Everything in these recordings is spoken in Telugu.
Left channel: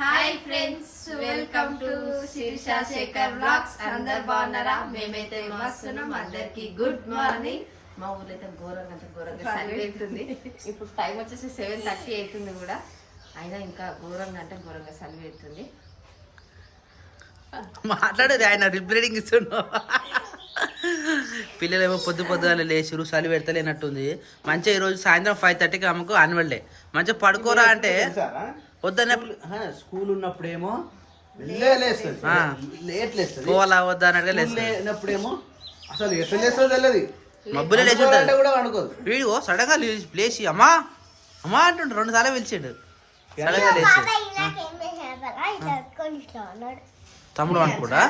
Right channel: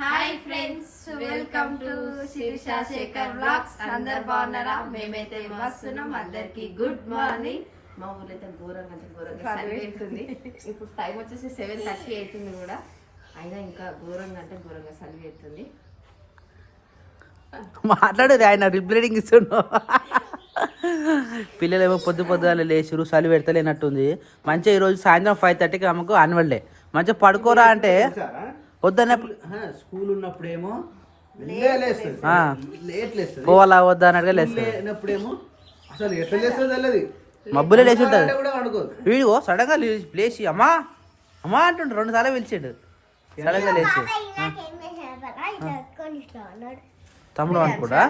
Hi friends, welcome to Shirisha Shekhar vlogs. అందరు బాగున్నారా? మేమైతే మస్తున్నాం. అందరికి గుడ్ మార్నింగ్. మా ఊర్లో అయితే ఘోరంగా చలి పెడుతుంది. ఇప్పుడు టైం వచ్చేసి 7:30 అవుతుంది కూడా, అయినా ఇంకా ఘోరంగా చలి పెడుతుంది. మాట్లాడేది ఆయన రిప్లైడింగ్ ఇస్తున్నావు. పిల్లలేమో పొద్దుగాల లేచిరు, చలి పెడతలేనట్టుంది. మంచిగా ఈరోజు సాయంత్రం 5:30కి ఆమెకు యాన్యువల్ డే. మంచిగా పడుకోరా అంటే వద్దనే స్కూల్ ఉన్నప్పుడేమో పోవాలా వద్దా అన్నట్టుగా లేచినప్పుడేమో అసలు ఎట్లా చేస్తుందో తెలియదు, మబ్బులే లేచి ఉంటుంది. వీడియో సడన్ గా లేచి అమ్మా అమ్మా అంటుండ్రు, 2 సార్లు పిలిచాడు. సడన్ గా లేచి తమ్ముడు అనుకోడా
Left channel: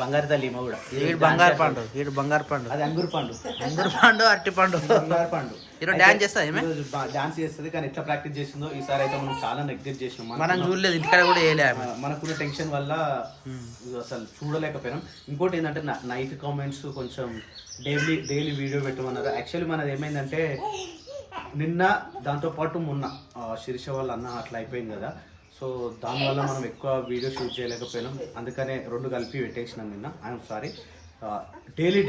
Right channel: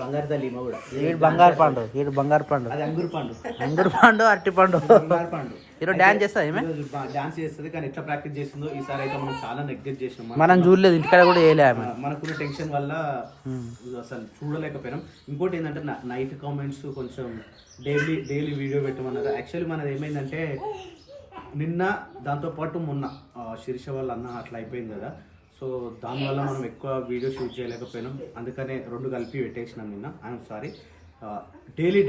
బంగారు తల్లి కూడా వీడు బంగారు పండు, వీడు బంగారు పండు, అది అంగురు పండు అరటి పండు. బంగారు పండు ఈరోజు డాన్స్ చేస్తా ఏమే డాన్స్ చేస్తుంది, కానీ ఎట్లా ప్రాక్టీస్ చేస్తుందో ఈసారి అయితే మనం చాలా నెగ్లెక్ట్ చేసినాం. మనం చూడలేదు, ఇంటికాడ కూడా చేయలే. మనకున్న టెన్షన్ వల్ల అసలు చూడలేకపోయినాం. ఇంకోటి ఏంటంటే నైట్ కామెంట్స్ కొంచెం డైలీ వీడియో పెట్టమన్నారు. యాక్చువల్లీ మనది ఏమైందంటే నిన్న దాంతోపాటు మొన్న శిరీష వాళ్ళ అన్న అట్లా అయిపోయింది కదా, సో దానివల్ల మనం ఎక్కువ వీడియో షూట్ చేయలేకపోయినాం. అందుకనే 2 కలిపి పెట్టేసినాం నిన్న. I'm sorry. డైలీ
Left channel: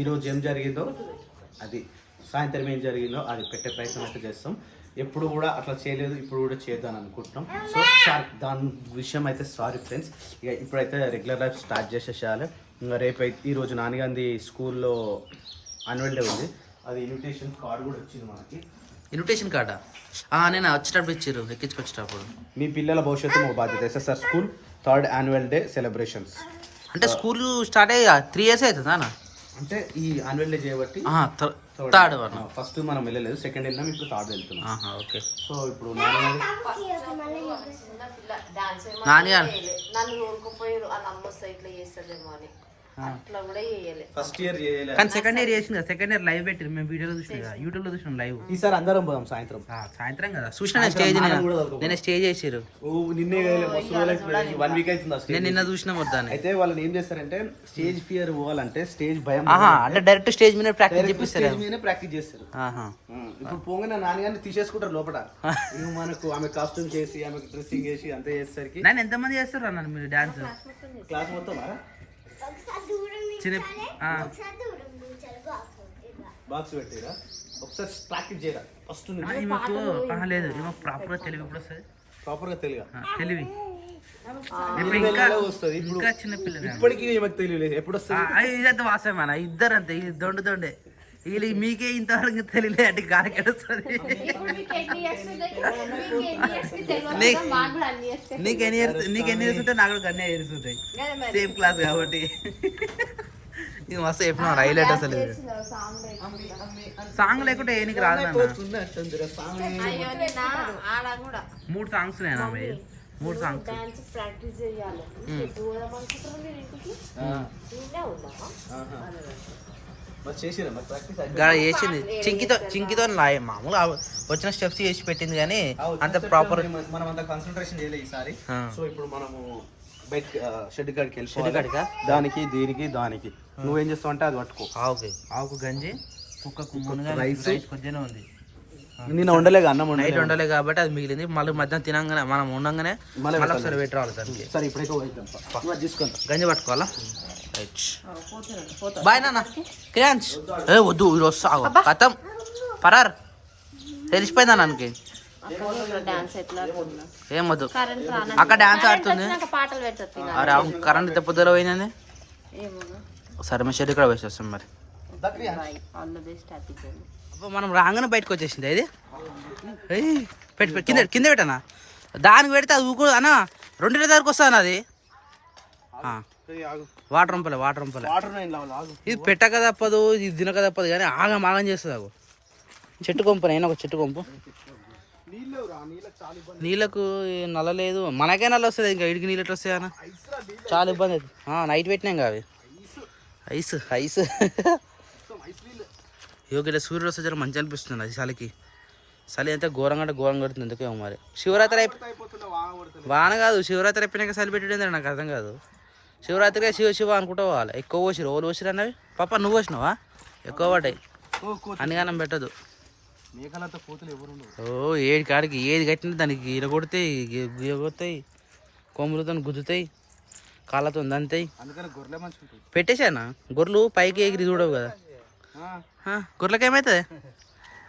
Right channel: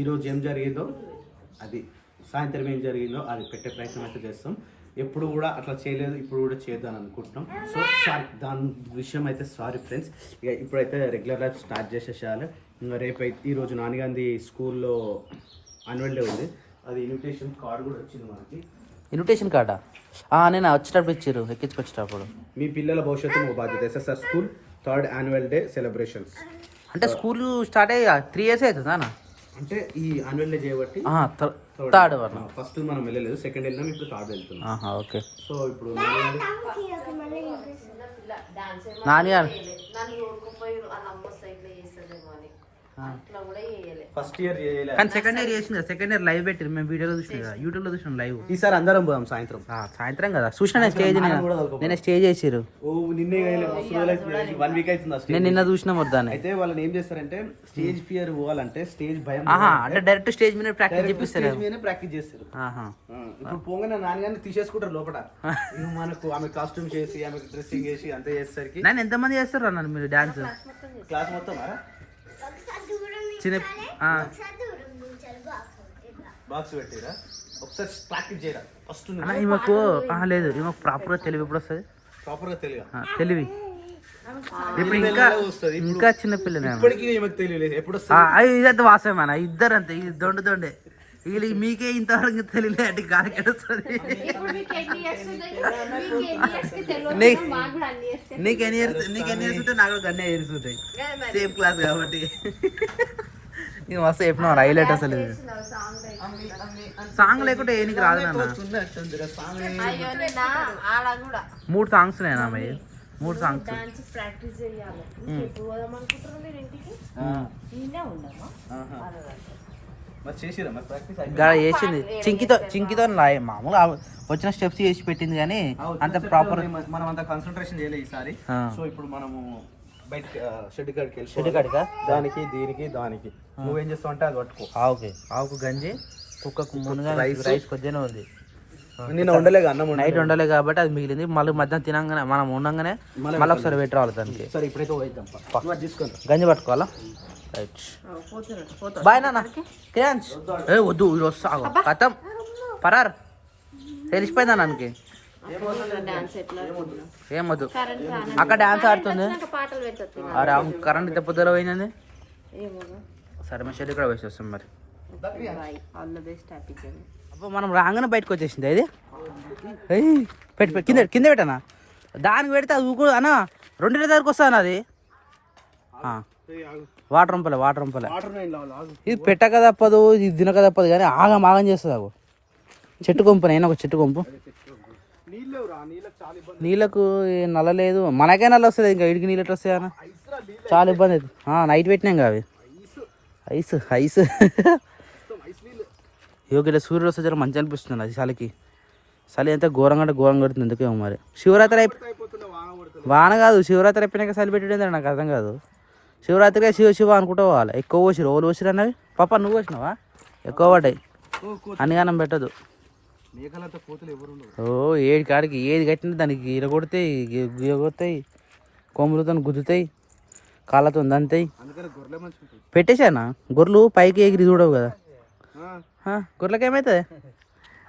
ఈరోజు ఏం జరిగిందో అది, సాయంత్రం ఏం జరిగిందో అది పెట్టే ప్రయత్నం అయితే చేస్తాం. ఎప్పుడు కూడా అట్లా చేయలేదు, ఇప్పుడు కూడా చేద్దాం అనుకుంటున్నాం. సో సారీ, దాని విషయం అయితే సారీ ఫ్రెండ్స్. ఇక ఇప్పుడైతే రెగ్యులర్ లైఫ్ స్టార్ట్ చేసేసేయాలి. ఇంకా రేపు ఈరోజు నాన్నగాంధీ స్కూల్లో యాన్యువల్ డే ఉంది. అది ఇన్విటేషన్ కార్డు కూడా వచ్చింది మనకి. ఇన్విటేషన్ కార్డా? నేను వచ్చేటప్పుడు ఇచ్చారు, ఎక్కించుకొచ్చేటప్పుడు. మీ పిల్లల భవిష్యత్తు మా బాధ్యత. SSR school 3rd annual day celebrations. అంటే స్కూల్ స్టార్ట్ అయ్యి 3 years అవుతుందా? అంటే ఈ యాన్యువల్ డే చేయబట్టి 3rd ఫస్ట్ మనం వెళ్ళలేదు, 2nd వెళ్ళాం, ఇప్పుడు 3rd వెళ్తున్నాం. ఓకే. సో ఇప్పుడు నాన్నగారు ఫస్ట్ ఇయర్ చేయలేదు, కానీ 2nd year చేసింది. 2nd year లైవ్ పెట్టారు, మేము వీడియోలో చూసినా, యూట్యూబ్ లో చూసినాం లైవ్. ఈసారి అందరం పోదాం సాయంత్రం కదా చూసిన. నేను స్టేజ్ నేను స్టేజ్ చేసిరు. నిన్నే 1 week అవుతుంది. నేను నిన్న చూసిన వద్దాను. అయితే వాళ్ళని ఏం చేస్తారంటే స్టేజ్ ఫియర్ పోవాలంటే స్టేజ్ భయం అంటే డైరెక్ట్ స్టేజ్ మీద ప్రాక్టీస్ చేపిస్తారు, ప్రాక్టీస్ చేస్తారు. ఇప్పుడు పోగానే నాన్నగారిని తీసేసుకుంటారు లోపల. మనకు ఆమె కాస్ట్యూమ్ చేసి, ఆమె డ్రెస్సింగ్ చేసి అంతా చేసేసరికి నేను ఎంతమంది చేస్తారు అన్నాను మీరు డాన్స్ క్లాస్ మొత్తం చిన్న బాక్స్ పెట్టిరా. ఒకసారి ప్రాక్టీస్ చేయరా ఫస్ట్. ఈమెకు లేదు, ఈమెకు ప్రాపర్ గా తెలివి ఎప్పుడు వస్తుంది? ప్రాపర్ గా తెలివి ఇప్పుడు ఇంకా చిన్న పిల్లలు ఇప్పటికీ ఈమెకు తెలియలేదు. ఎప్పుడు వస్తుంది? ఇదంతా వాసమేనా? ఇద్దరు అంతే, ఇది దొండే వీళ్ళు. మీకే ఇంతవరకు తెలియలే అంటే గాలికెడుస్తుంది. నీకు ఎన్ని ఇయర్స్ ఉంటాయి, నాకు గన్నే ఇయర్స్ ఉంటాయి, సేమ్ క్లాస్ కాబట్టి. ఇది మస్తు చెప్పినావు, హైలైట్ అసలు. సాంగ్ లేకుంటే ఏ నీకు రాదు నాన్న. 3 songs నేనా? 3 songs చేసింది. చింకితో మామూలుగా వచ్చిన స్టెప్స్ చేసి పెట్టింది, కానీ అంత ప్రాపర్ మనం అంత కాన్సన్ట్రేషన్ చేయలేదు ఈసారి. సో ఇప్పుడు మనము బయట షెడ్ కాడికి వెళ్ళి దానికి దానికి నువ్వేం చేస్తావు అంటే అది పట్టుకో. ఆవుకు గంజి, కుక్కకు మునగా రైస్ కొద్దిగానే ఉంది. నేను వండలేక అన్నం నైట్ వండలే కాబట్టి అది మిగిలింది. మళ్ళీ మధ్యాహ్నం తినంగానే మనం ఉండగానే మళ్ళీ ఒకసారి పెట్టి రావాలి దానికి. సరే ఇప్పుడైతే తీసుకోండి, గంజి పట్టుకోవాలా? రైట్. బాయ్ నాన్న. క్రియాంశ్ వద్దు, ఈరోజు సాగు కథం పరార్ తెలిసిపోయిందా నాన్నకి. ఏం వద్దు, అక్కడ డాన్స్ ఆడుతుంది. అరే కరెంట్ తెప్పదల పోయిందండి. సరే మీ షెడ్ ఇక్కడ వేసేస్తాం మరి. అప్పుడు మనం రాగానే బయటకు వచ్చేసింది. అది పెట్టి కింద పెట్టనా? దానికి పెడితే అది ఊకు అన్న 2 దగ్గరకు వస్తాను. అది వాటర్ వంపలే ఇది పెట్టక తప్పదు, ఇది తినక తప్పదు, కానీ ఆగం చేస్తుంది. అగో చెట్టు కొంపు, నేను ఒక చెట్టు కొంపు. నీళ్ళకు నల్ల లేదు, మనకే నల్ల వస్తుంది. ఇంకా ఇడికి నీళ్ళు ఎట్లా వస్తాయన్న, చాలా ఇబ్బంది అవుతుంది. నైట్ పెట్టినాం కదా అవి. ఐస్ యోగిలో సూర్యుడు వస్తే జర మంచి అనిపిస్తుంది. అది చలి అంతా ఘోరంగా కొడుతుంది. ఎందుకేమో మరి. శివరాత్రి వాన కాదు, శివరాత్రి అయిపోయినాక చలి పెట్టడం నాకు అర్థం కాదు. శివరాత్రిగా శివ అనుకుంటూ పోవాలి. ఎక్కువ పోసిరు, ఓలు పోసిరు అన్నవి. పాప నువ్వు పోసినావా? ఎక్కువ పడ్డాయి, అన్నిగానం పెట్టదు. మేకలంతా కోతులు ఎవరు ఉండవు. ఓ ఏడు కాడికి ఏది కట్టినా దానికి ఇరగొడతాయి, గిరగొడతాయి, కొమ్ములతో గుద్దుతాయి, కాళ్ళతో దంతాయి. అందుకని గొర్రెలే మంచిగా ఉంటాయి. పెట్టేశానా గొర్రెలు పైకి ఎగిరి చూడవు కదా. గొర్రెలకి ఏమవుతుంది?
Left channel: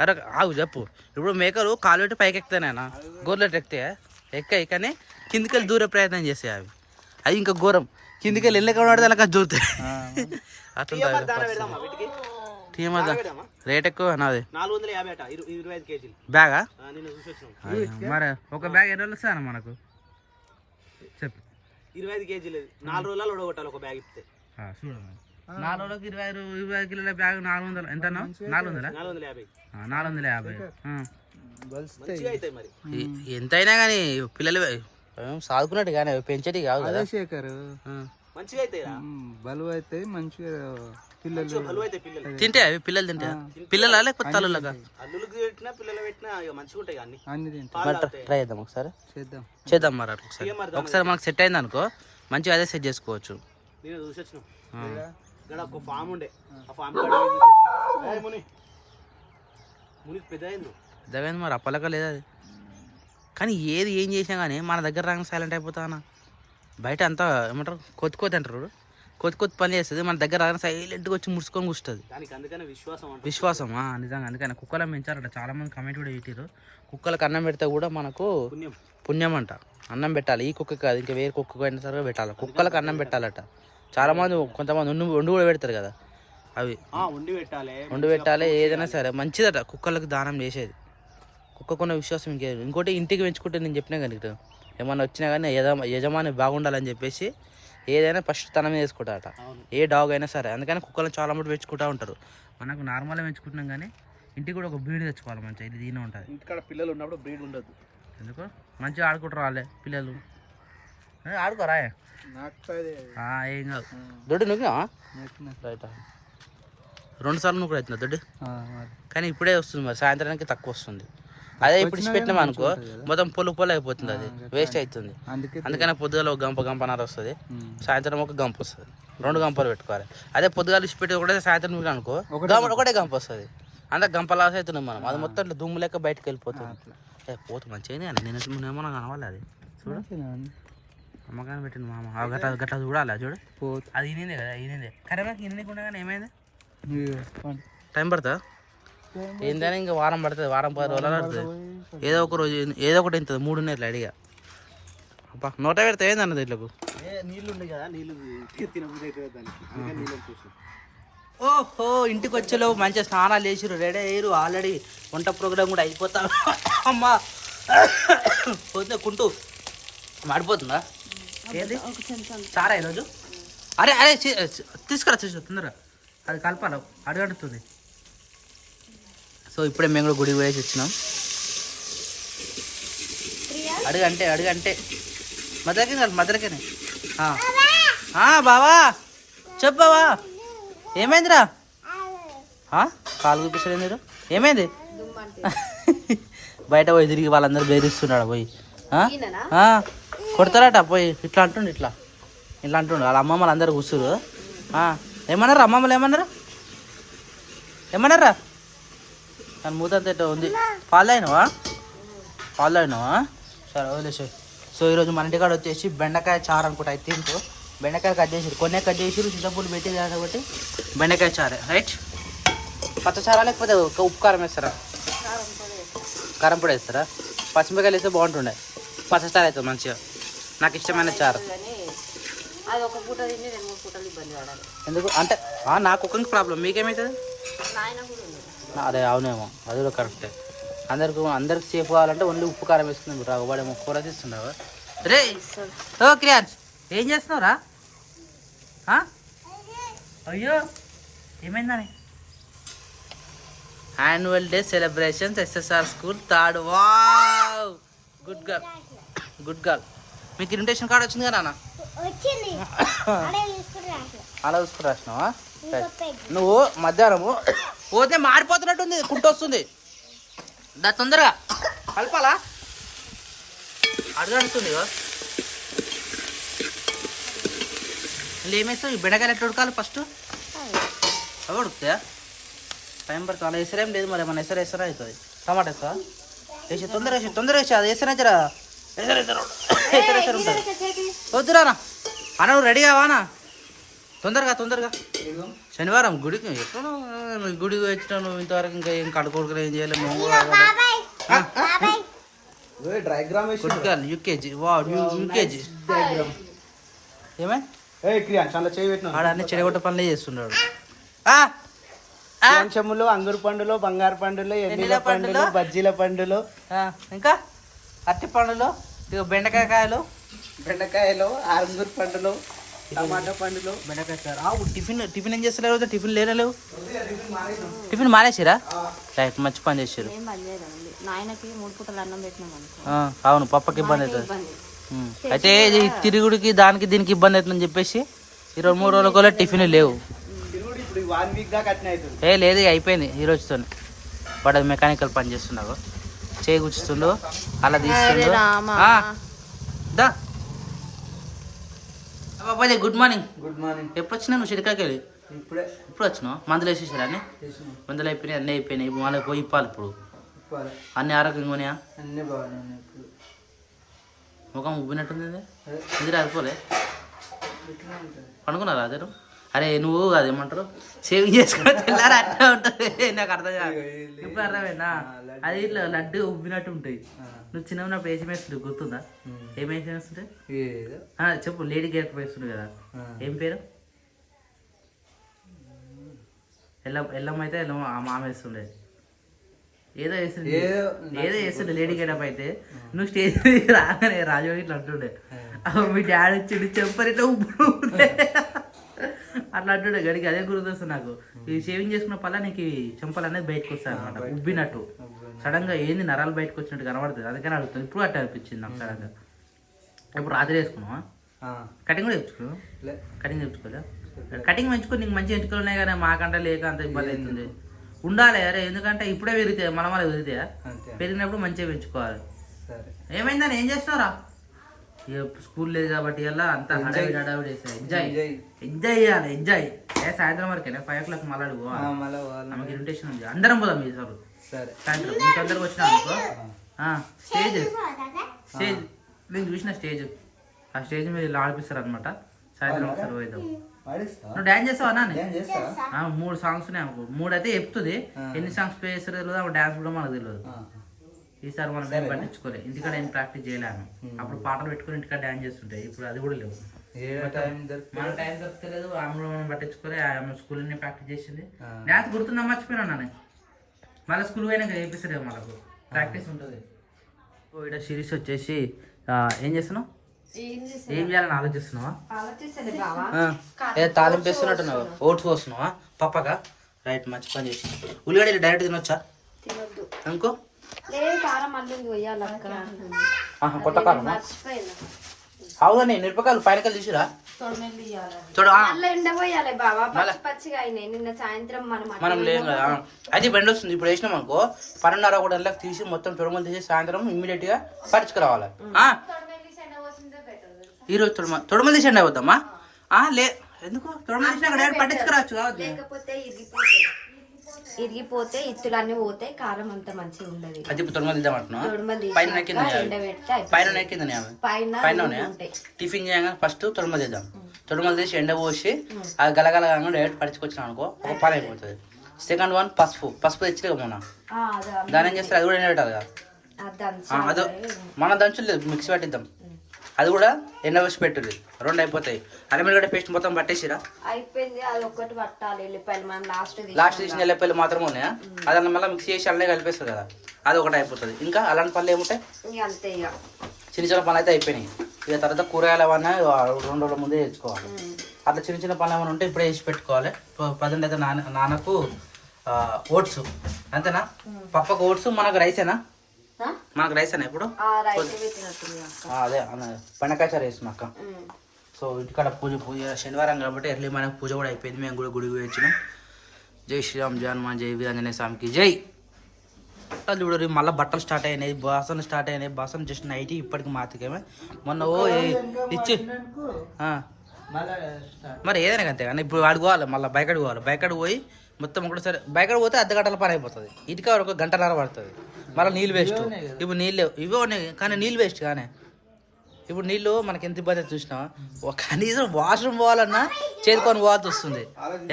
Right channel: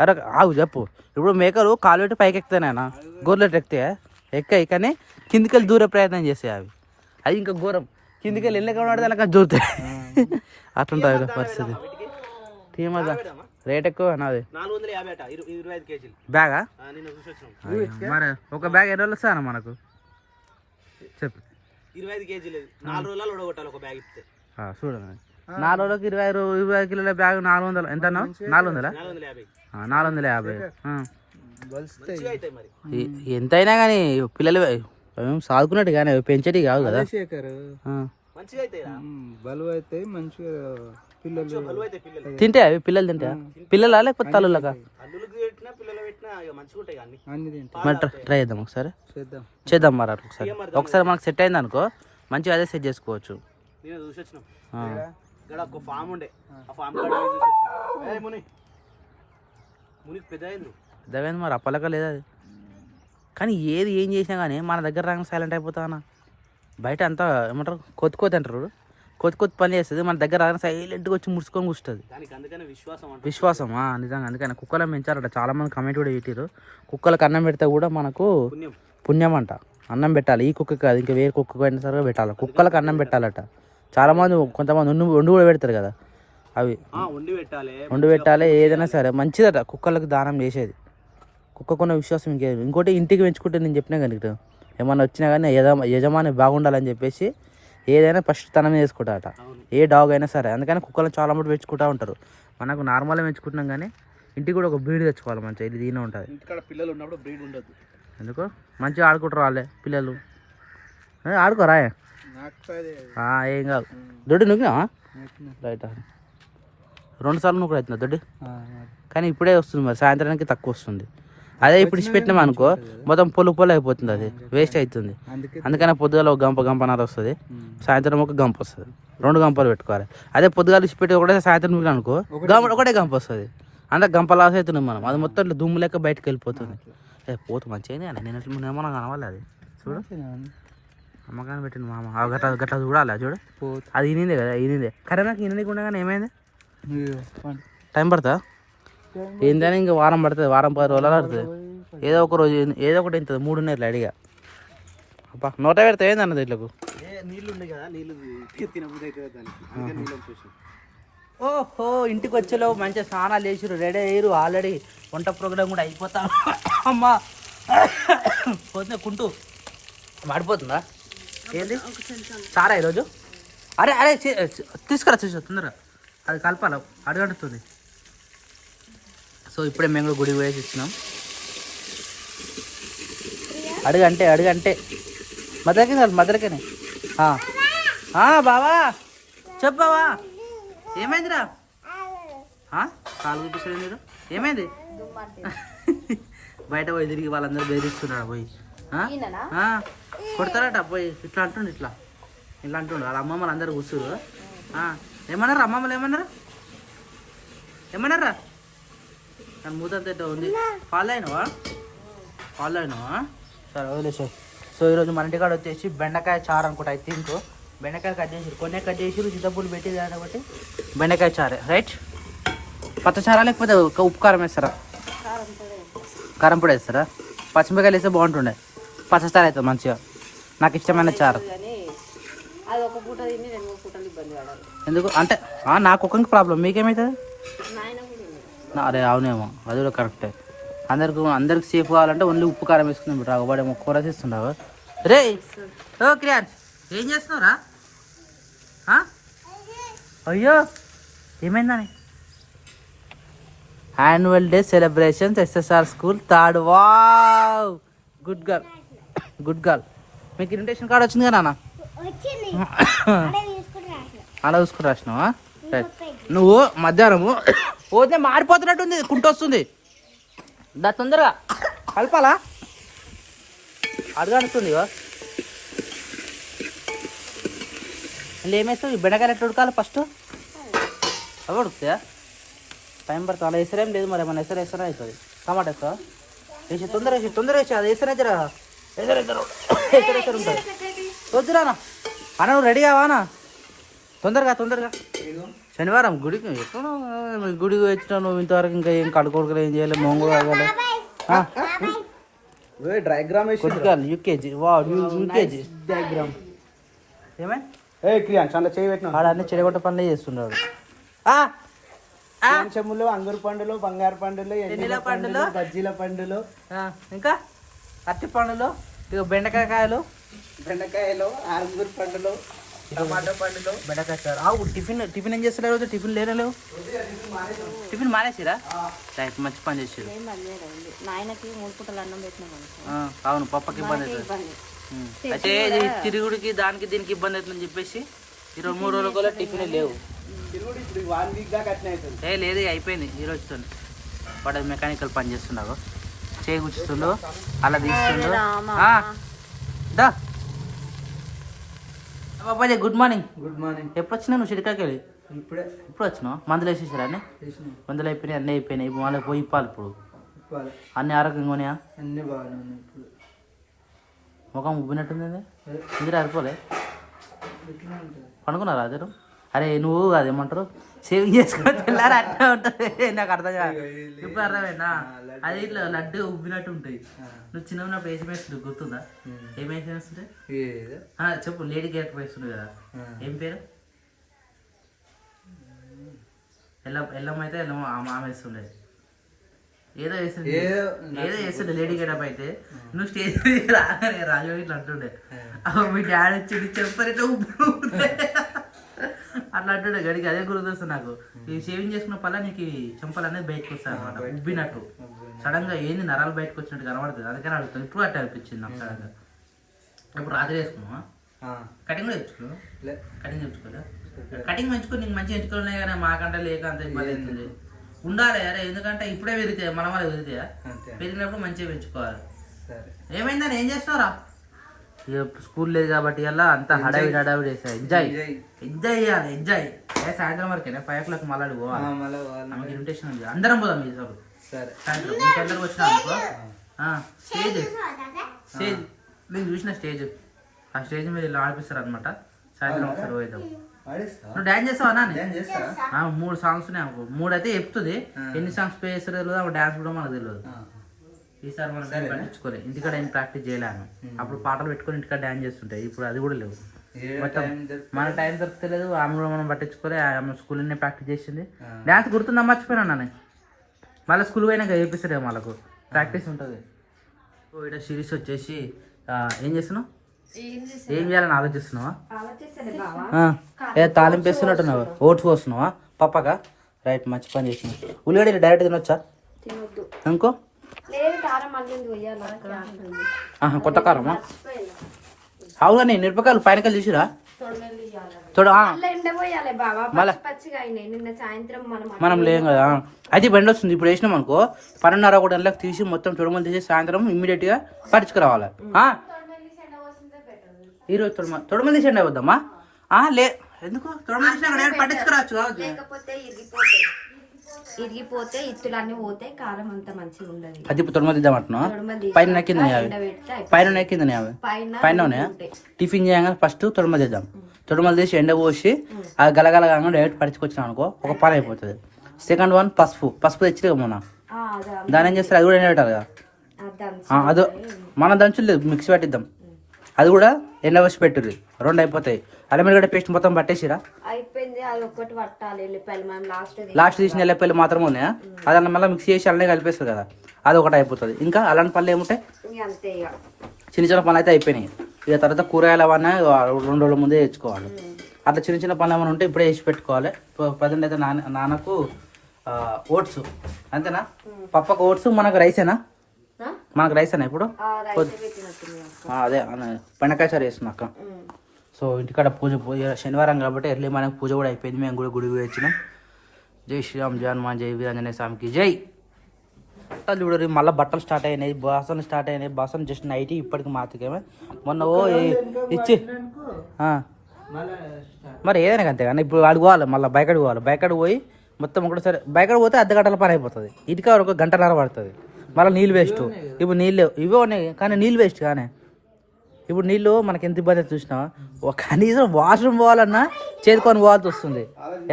అరే ఆగు చెప్పు. ఇప్పుడు మేకలు కాలు పెట్టి పైకి ఎక్కుతాయినా, గొర్రెలు ఎక్కుతాయా? ఎక్కాయి కానీ కిందికి వెళ్ళి దూరే ప్రయత్నం చేస్తాయి అవి. అది ఇంకా ఘోరం. కిందికి వెళ్ళి వెళ్ళక పడితే అలా జోరుతాయి. అట్లుంటుంది పరిస్థితి. టీమదా రేట్ ఎక్కువ నాది 450 అట 25 కేజీలు బ్యాగా. నిన్న చూసొచ్చినాం. మరి ఒక బ్యాగ్ ఎన్ని రోజులు వస్తాయన్న మనకు చెప్పు. 25 కేజీలు 4 రోజులలో ఉడగొట్టాలి ఒక బ్యాగ్ ఇస్తే. చూడండి 4 రోజులకి 20 కిలోల బ్యాగ్ 400 ఎంత అన్నావు? 400 450. ఎంతైనా కానీ పిల్లలు సాదుకున్నట్టు కానీ పెంచేటి కాదు కదా శేఖర్. మంచిగా అయితే బలువు అయితే మంచిగా పిల్లలు తింటే అవి పిల్లలు తింటా పిల్లలా లేకపోతే తల్లులకా? అల్లులకు పెట్టినా పిల్లలు పెట్టినా మంచిగా ఉంటాయి అన్ని. అన్ని తింటాం. ట్రై చేద్దాం ఒకసారి. చేద్దాం మరి అట్లా ఒకసారి మనకు సెట్ అయింది అనుకో మంచిగా అదే సెట్ చేసుకోవచ్చు. నేను చూసొచ్చినాం. ఇక్కడ ఒక ఫామ్ ఉండే ఆ ఫామ్ కాడ చూసొచ్చినాం. మునికి పెద్ద అయింది. పెద్దగా మరి అప్పలక లేదు అది. కానీ ఏది ఏం చేసినా కానీ మన దగ్గర రాగానే సైలెంట్ అయిపోతానా. బయట అంతా ఏమంటారు కొత్త అంటారు, కొత్త పని చేస్తుంది. మన దగ్గర రాగానే సైలెంట్గా వచ్చి ముడుచుకొని కూర్చుంటుంది. విశ్వాసం నిజంగా. అందుకని కుక్కలను పెంచారట చాలా మంది కమెంట్ కూడా పెట్టారు. కుక్కలకు అన్నం పెడితే కూడా మనకు పుణ్యం అంట. అన్నం పెట్టాలి. ఈ కుక్క కాదు ఇంకా వేరే కుక్క అయినా సరే పెట్టాలి. కుక్కలకు అన్నం పెట్టాలట. చాలా మంది కొంతమంది వండి కూడా పెడతారు కదా, అవి వండి పెట్టాలి. ఏదైనా సరే మంచిదట కుక్కలకు దానం చేసేది. కుక్కకున్న విశ్వాసం ఇంకేది. ఇంకోటి ఇంటికి పెంచుకుంటే నేను చెప్పినా కానీ ఏమన్నా వచ్చినా కానీ యజమాని బాగుండాలని చెప్పేసి ఏదైనా ఫస్ట్ తన మీద వేసుకుంటారట, ఏ డాగ్ అయినా సరే. అందుకని కుక్కలను చాలా మంది పెంచుకుంటూ ఉంటారు. మనకు నార్మల్గా పెంచుకుంటున్నాం కానీ ఇంటికి కూడా ఒక బ్రీడ్ తెచ్చుకోవాలి మంచిగా. ఇది దీనే ఉంటుంది. ఇంటికాడ పిల్లలు ఉన్నప్పుడు బ్రీడ్ ఉండదు. ఎందుకు మంచిగా ఆడుకుంటారు వాళ్ళే పిల్లలు. ఆడుకోరా ఏం కాదు. దొడ్డి నువ్వు రైట్ 2 సార్లు నువ్వు కూడా అవుతుంది దొడ్డి. కానీ ఇప్పుడే వస్తుంది మరి సాయంత్రానికి తక్కువ వస్తుంది. అదే ఇప్పుడు ఇచ్చిపెట్టినాం అనుకో మొత్తం పొలు అయిపోతుంది, అది వేస్ట్ అవుతుంది. అందుకని పొద్దుగాల ఒక గంపన్నర వస్తుంది, సాయంత్రం ఒక గంప వస్తుంది. 2 గంపలు పెట్టుకోవాలి. అదే పొద్దుగాల ఇచ్చిపెట్టి ఒకటే సాయంత్రం మీకు అనుకో ఒకటే గంప వస్తుంది. అంటే గంప లాస్ అవుతున్నాం మనం. అది మొత్తం ఇట్లా దుమ్ము లెక్క బయటకు వెళ్ళిపోతుంది. పోతు మంచిగా నేను ఏమన్నా కనవాలి. అది చూడు అమ్మకాన్ని పెట్టింది మామ. గట్లా చూడాలి చూడు. అది ఈనిందే కదా, ఈనిందే కరెక్ట్. నాకు ఈనింది కూడా కానీ ఏమైంది టైం పడుతుందా? ఏంటని ఇంకా వారం పడుతుంది, వారం 10 రోజులు పడుతుంది. ఏదో ఒక రోజు ఏదో ఒకటి అవుతుంది. 3 ఉన్నాయి ఇట్లా అడిగా. అబ్బా నోట పెడితే ఏంది అన్నది ఇట్లకు. నీళ్ళు ఉండే కదా, నీళ్ళు తినబుద్ధి అవుతుంది దానికి. ఓహో ఇంటికి వచ్చేలోపు మంచిగా స్నానాలు చేసిరు, రెడీ అయ్యారు. ఆల్రెడీ వంట ప్రోగ్రామ్ కూడా అయిపోతా. అమ్మా పోతుంది కుంటూ మాడిపోతుందా ఏంది సారా ఈరోజు? అరే తీసుకురా తొందరగా, అది కలపాలి, అడుగడుతుంది. సో ఇప్పుడే మేము కూడా గుడికి పోయేసి వచ్చినాం. అడుగంటే మదరకేనే. బావా చెప్పు బావా ఏమైందిరా? కాలు చూపిస్తారు మీరు. ఏమైంది? బయట పోయి తిరిగి వాళ్ళందరూ బెదిరిస్తున్నాడు పోయి. కొడతారట పోయి. ఇట్లా అంటుండు వాళ్ళ అమ్మమ్మలు అందరూ కూర్చురు. ఏమన్నారు అమ్మమ్మలు? ఏమన్నారా? దాని మూతంతా ఉంది. ఫాలో అయినావా? సరే వదిలేసారు. సో ఈరోజు మన ఇంటికాడ వచ్చేసి బెండకాయ చారు అనుకుంటా. అయితే ఇంకో బెండకాయ కట్ చేసిరు, కొన్ని కట్ చేసిరు, చింతపూలు పెట్టి కాబట్టి బెండకాయ చారే. రైట్. పచ్చచారా లేకపోతే ఉప్పు కారం వేస్తారా? కారం పొడి వేస్తారా? పచ్చిమిరకాయలు వేస్తే బాగుంటుండే. పచ్చచారు అవుతుంది మంచిగా. నాకు ఇష్టమైన చారు. ఎందుకు అంటే నాకు ఒక్కరికి ప్రాబ్లం, మీకేమవుతుంది? అరే అవునేమో, అది కూడా కరెక్ట్. అందరికి సేఫ్ కావాలంటే ఓన్లీ ఉప్పు కారం వేసుకుందాం. రాబడే కూర తీస్తున్నావు రే. ఓ క్రియాన్స్ ఏం చేస్తున్నావురా? అయ్యో ఏమైందని? Annual day celebrations SSR school 3rd. Wow good girl. మీకు ఇన్విటేషన్ కార్డ్ వచ్చింది కదా నాన్న? అలా చూసుకుని రాసినావా? నువ్వు మధ్యాహ్నము పోతే మారిపోతున్నట్టుంది, కుంటొస్తుంది. దా తొందరగా కలపాలా? అడుగుతుంది మళ్ళీ ఏమేస్తావు? బెండకాయలు ఎట్లా ఉడకాలి ఫస్ట్? అవి ఉడుకుతాయా? టైం పడుతుంది. అలా ఎసరేం లేదు మరి, మన ఎసరేసరా అవుతుంది. టమాటా వేస్తావా? వేసి తొందర వేసి అది వేసిన జరా ఎసరు ఉంటుంది. వద్దురానా అన్న నువ్వు రెడీ కావానా? తొందరగా శనివారం గుడికి ఎక్కడ గుడికి వచ్చినా నువ్వు ఇంతవరకు ఇంకా ఏం కడుకోడుకు ఏం చేయాలి మొంగు కావాలి. డయాగ్రామ్ కొద్దిగా యూకేజీ యూకేజీ డయాగ్రామ్ ఏమే చాలా చేయబెట్టిన ఆడ అన్ని చెడగొట్ట పనులే చేస్తున్నాడు. చెమ్ములు, అంగురు పండులు, బంగారు పండులు, ఎన్నిల పండులు, బజ్జీల పండులు, ఇంకా అరటి పండులు, ఇక బెండకాయలు, అంగురు పండులు, టమాటా పండులు, బెండకాయ సార్. టిఫిన్ ఏం చేస్తలేవు రోజు? టిఫిన్ లేనలేవు? టిఫిన్ మానేసిరా? రైట్, మంచి పని చేసారు. నాయనకి 3 పూటలు అన్నం పెట్టినాం అనుకో. అవును, పప్పకి ఇబ్బంది అవుతుంది. అయితే ఇది తిరుగుడికి దానికి దీనికి ఇబ్బంది అవుతుందని చెప్పేసి 2-3 రోజుల కూడా టిఫిన్ లేవు. లేదు అయిపోయింది ఈ రోజుతో. వాడు మెకానికల్ పని చేస్తున్నావు, చేయి కూర్చుండు, అలా తీస్తుండు. దా బాబాజీ, గుడ్ మార్నింగ్. ఎప్పుడు వచ్చినా నువ్వు చిరికాకి వెళ్ళి? ఇప్పుడు వచ్చినావు? మందులు వేసేసారా? అన్నీ మందులు అయిపోయినాయి, అన్నీ అయిపోయినాయి. మళ్ళీ పోయి ఇప్పాలి ఇప్పుడు. అన్ని ఆరోగ్యంగా ఉన్నాయా? అన్నీ బాగానే. ఇప్పుడు ముఖం ఉబ్బినట్టుంది. నిద్ర అయిపోలే? పండుకున్నారా అదే? అరే నువ్వు అదేమంటారు సేవింగ్ చేసుకుని తెల్లారా అట్లా ఉంటుంది. నాకు అర్థం కాదు. ఇప్పుడు అర్థమైనా? అది ఇట్లా లడ్డు ఉబ్బినట్టు ఉంటాయి. నువ్వు చిన్న ఉన్నప్పుడు ఏం వేస్తుండే గుర్తుందా? ఏం వేస్తుంటే చెప్పు. లేడీ క్యారెక్టర్ వేస్తుండే కదా, ఏం పేరు? ఎల్లమ్మ అయితే ఎల్లమ్మ మామ వేస్తుండే. ఏదో వేస్తుండే లేడీ గెటప్ అయితే. నువ్వు స్టేజ్ రాగానే రాజు ఇట్లా అంటుండే, మీ డాడీ వచ్చి చెప్పరు ఇట్లా ఉబ్బుతుండే అట్లా అంటుండే గడికి. అదే గుర్తొస్తుంది నాకు. ఈ షేవింగ్ చేసుకున్న పల్ల నీకు చెంపలు అనేది బయటకు వస్తాయి అనమాట, ఉబ్బినట్టు. సడన్ గా ఏంది నరాలు బయటకు వచ్చినట్టు కనబడుతుంది. అందుకని అడుగుతుంది. ఇప్పుడు అట్లా అనిపించింది నాకు సడన్ గా. ఇప్పుడు రాత్రి వేసుకున్నావా? కటింగ్ కూడా తెచ్చుకో. కటింగ్ తెచ్చుకోలే? కటింగ్ పెంచుకో, నీకు మంచి ఎంచుకలు ఉన్నాయి కానీ మాకంటే లేక అంత ఇబ్బంది అవుతుంది. ఉండాలి అరే, ఎందుకంటే ఇప్పుడే పెరిగితే మన వల్ల పెరిగితే పెరిగినప్పుడు మంచిగా పెంచుకోవాలి. ఏమైందని ఏం చేస్తున్నారా? ఇక స్కూల్ లేదు కాబట్టి ఇలా అంతా హడావిడి వేసాయి. ఎంజాయ్ చేయాలి, ఎంజాయ్. సాయంత్రం వరకేనా? 5 o'clock మళ్ళీ పోవాలి. మనకి ఇన్విటేషన్ ఉంది, అందరం పోదాం ఈ సార్ సాయంత్రం. మీకు అందరికి వచ్చినా అనుకో. స్టేజ్ నేను చూసిన స్టేజ్, ఆ స్టేజ్ మీద ఇలా ఆడిపిస్తారు అనమాట. సాయంత్రం ఒకసారి పోయిద్దాం. నువ్వు డాన్స్ చేస్తావా? 3 సాంగ్స్ ఉన్నాయి అనుకో. 3 అయితే చెప్తుంది. ఎన్ని సాంగ్స్ ప్లే చేస్తారో తెలియదు, డాన్స్ కూడా మనకు తెలియదు. ఈసారి మనం పట్టించుకోలే, ఇంటికాడ ఏం ప్రాక్టీస్ చేయలేము. అప్పుడు పాటలు పెట్టుకొని ఇంటికాడ డాన్స్ చేస్తుంటాయి. ఇప్పుడు అది కూడా లేవు. మన టైం దొరకలేదు. ఆమె కూడా మనం పట్టించుకోలే. ఆమె స్కూల్లోనే ప్రాక్టీస్ చేసింది. డాన్స్ గుర్తుందా? మర్చిపోయినా నేను. మళ్ళీ స్కూల్ పోయినాక చేపిస్తాడే, వాళ్ళకు ప్రాక్టీస్ ఉంటుంది. ఇక్కడ సిరీస్ వచ్చేసి ఏం చేస్తున్నావు? ఏం చేయాలని ఆలోచిస్తున్నావా? తాలింపు వేస్తున్నట్టున్నావా? ఓట్స్ పోస్తున్నావా పప్పగా? రైట్, మంచి పని చేసినావు. ఉల్లిగడ్డ డైరెక్ట్ తినొచ్చా? ఇంకో కొత్త కారం అవుగానే మిరపకాయలు పైనకాయలు తీసిరా? మనం లేం కదా. అది బెండ వస్తుంది. ఇప్పుడు వేసినాం అనుకో 12:30 తీసి మొత్తం తొడమలు తీసి సాయంత్రం ఇమ్మీడియట్ గా పరుచుకురావాలి. ఈరోజు తొడమలు తీసి ఎండ వద్దమ్మా. లే ఎందుకు? తొడమలు తీసి పట్టించుకురావచ్చు. ఇరిగిపోతే ఇత్తులన్నీ పోతే కారం అంత మంచిగా ఉండదు. అది ఇప్పుడు తొడమలు తీద్దామంటున్నావు? పైన టిఫిన్ చేయగానే ఫస్ట్ తొడమలు తీద్దాం. తొడమలు తీసి ఎండ పోసి అది గలగలగా డైరెక్ట్ పడుచుకొచ్చినాం అనుకో, ఒక పని అయిపోతుంది. సెకండ్ వన్ పసుపు తెచ్చిలేవు మొన్న. దాని ఏం చేస్తారు? అది కూడా ఎండ పెట్టాలి కదా. అదో మనం దంచులేదు, మిక్సీ పట్టిద్దాం. అది కూడా ఎండ వచ్చి పెట్టుది. 2 అయిపోతాయి. అల్లం పేస్ట్ మొత్తం పట్టేసిరా? అయిపోయింది. అది ఒక్కటి పట్టాలి. లాస్ట్ తీసిన ఎల్లిపాయలు మాత్రమే ఉన్నాయా? అది మళ్ళీ మిక్స్ చేసి అల్లనే కలిపేస్తారు కదా, అది ఒకటి అయిపోతుంది. ఇంకా అలాంటి పనులు ఏముంటాయి? చిన్న చిన్న పనులు అయితే అయిపోయినాయి. ఇక తర్వాత కూరగాయలు అవన్నీ 2 రోజుల ముందే తెచ్చుకోవాలి. అట్లా చిన్న పనులు ఏమైనా ఉంటే ఇప్పుడే వేసి పెట్టుకోవాలి. ప్రజెంట్ అయితే నాన్నకు ఓట్స్ అంతేనా? పప్పకు ఓట్స్, మనకు రైసేనా? మనకు రైస్ అన్న ఇప్పుడు అదే బెండకాయ సార్ వేస్తున్నాక. సో ఇంటికాడ పూజ శనివారం కాబట్టి ఎర్లీ మనకు పూజ కూడా అయిపోయింది. మేము కూడా గుడికి వచ్చినాం. జై శ్రీరామ్, జై హనుమాన్, జై వీరాంజనేయ స్వామికి జై. బట్టలు చూడరు, మళ్ళీ బట్టలు స్టార్ట్ అయినాయి, బాసనలు స్టార్ట్ అయినాయి. బాసన జస్ట్ నైట్ ఇప్పటికి మాతికేమే. మొన్న ఇచ్చి మరి ఏదైనా అంతే కానీ ఇప్పుడు వాడికి పోవాలి. మళ్ళీ బయకడికి పోవాలి. బయకడికి పోయి మొత్తం ఒకటేసారి బయకడికి పోతే 1/2 గంటల పని అయిపోతుంది. ఇటుక 1 గంటన్నర పడుతుంది. మళ్ళీ నీళ్ళు వేస్ట్. ఇప్పుడు నీళ్ళు ఇవే ఉన్నాయి కానీ నీళ్ళు వేస్ట్ కానీ ఇప్పుడు నీళ్ళు మనకి ఎంత ఇబ్బంది చూసినా కనీసం వాష్రూమ్ పోవాలన్నా చేతుకొని పోవాల్సి వస్తుంది.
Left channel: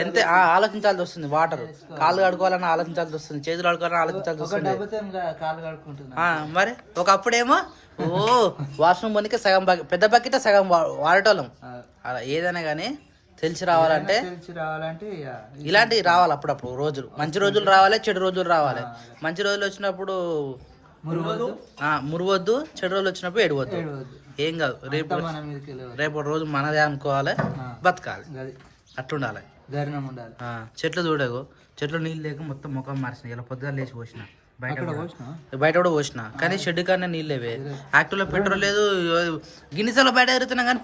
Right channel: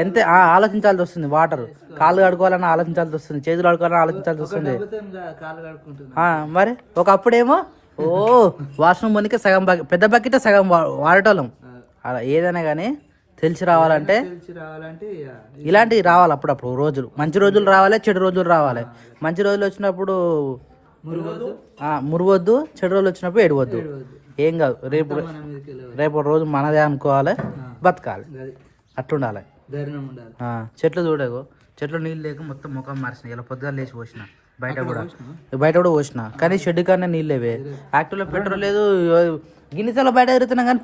ఎంత ఆలోచించాల్సి వస్తుంది. వాటర్ కాళ్ళు కడుకోవాలన్నా ఆలోచించాల్సి వస్తుంది, చేతులు కడుకోవాలన్నా ఆలోచించాల్సి వస్తుంది. మరి ఒకప్పుడేమో వాష్రూమ్ పోనీకే సగం పెద్ద బకెట్ సగం వాడటోళ్ళం. అలా ఏదైనా కానీ తెలిసి రావాలంటే ఇలాంటివి రావాలి అప్పుడప్పుడు. రోజులు మంచి రోజులు రావాలి, చెడు రోజులు రావాలి. మంచి రోజులు వచ్చినప్పుడు మురవద్దు, చెడు రోజులు వచ్చినప్పుడు ఏడవద్దు. ఏం కాదు, రేపు రోజు మనదే అనుకోవాలి, బతకాలి, అట్టుండాలి. చెట్లు చూడకు, చెట్లు నీళ్ళు లేక మొత్తం ముఖం మార్చిన. ఇలా పొద్దుగా లేచి పోసిన, బయట కూడా పోసిన, కానీ షెడ్ కన్నా నీళ్ళు లేవే. యాక్టివ్లో పెట్రోల్ లేదు. గిన్నెసార్లు బయట తిరుగుతున్నాం కానీ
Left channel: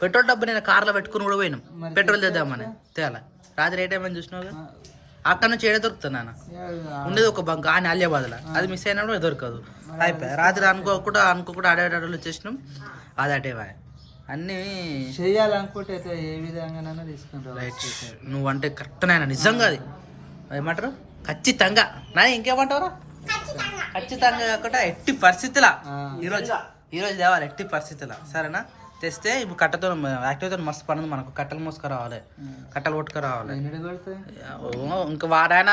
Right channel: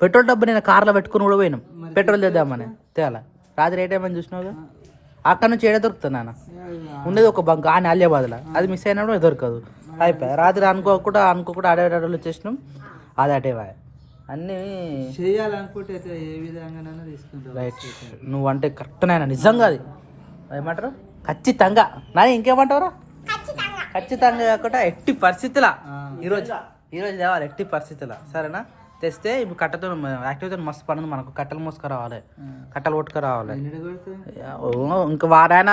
పెట్రోల్ డబ్బు నేను కార్లో పెట్టుకుని కూడా పోయినాం పెట్రోల్ తెద్దామని. తేలా రాత్రి ఏ టైం అని చూసినావుగా. అక్కడ నుంచి ఏడే దొరుకుతుంది నాన్న. ఉండేది ఒక బంక్ అని అలియాబాద్లో, అది మిస్ అయినప్పుడు దొరకదు. అయిపోయి రాత్రి అనుకోకుండా ఆడేటోళ్ళు వచ్చేసినాం. అది అటేవా అన్నీ చేయాలనుకుంటే ఏ విధంగా తీసుకుంటారు. రైట్, నువ్వు అంటే కరెక్ట్ నాయన, నిజంగా అది ఏమంటారు ఖచ్చితంగా. నాని ఇంకేమంటారు? ఖచ్చితంగా కాకుండా ఎట్టి పరిస్థితులా ఈరోజు తేవాలి, ఎట్టి పరిస్థితులా. సరేనా? తెస్తే ఇప్పుడు కట్టతో యాక్టివ్తో మస్తు పనుంది మనకు. కట్టలు మోసుకు రావాలి, కట్టలు కొట్టుకు రావాలి. ఇంకా వారాన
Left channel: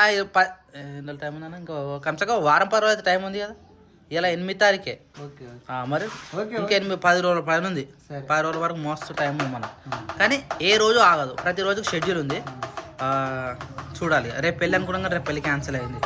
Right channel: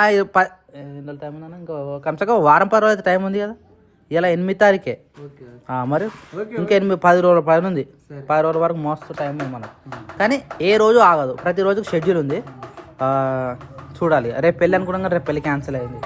టైం ఉందన్నా, ఇంకా కమ్సగా వారం 10 రోజులు టైం ఉంది కదా. ఇలా 8 తారీఖే మరి ఇంకా 10 రోజుల పైన ఉంది. 10 రోజుల వరకు మస్తు టైం ఉంది మనకు. కానీ ఏ రోజు ఆగదు, ప్రతి రోజుకి షెడ్యూల్ ఉంది. చూడాలి. రేపు పెళ్ళి అనుకున్నాం కానీ రేపు పెళ్ళి క్యాన్సిల్ అయింది.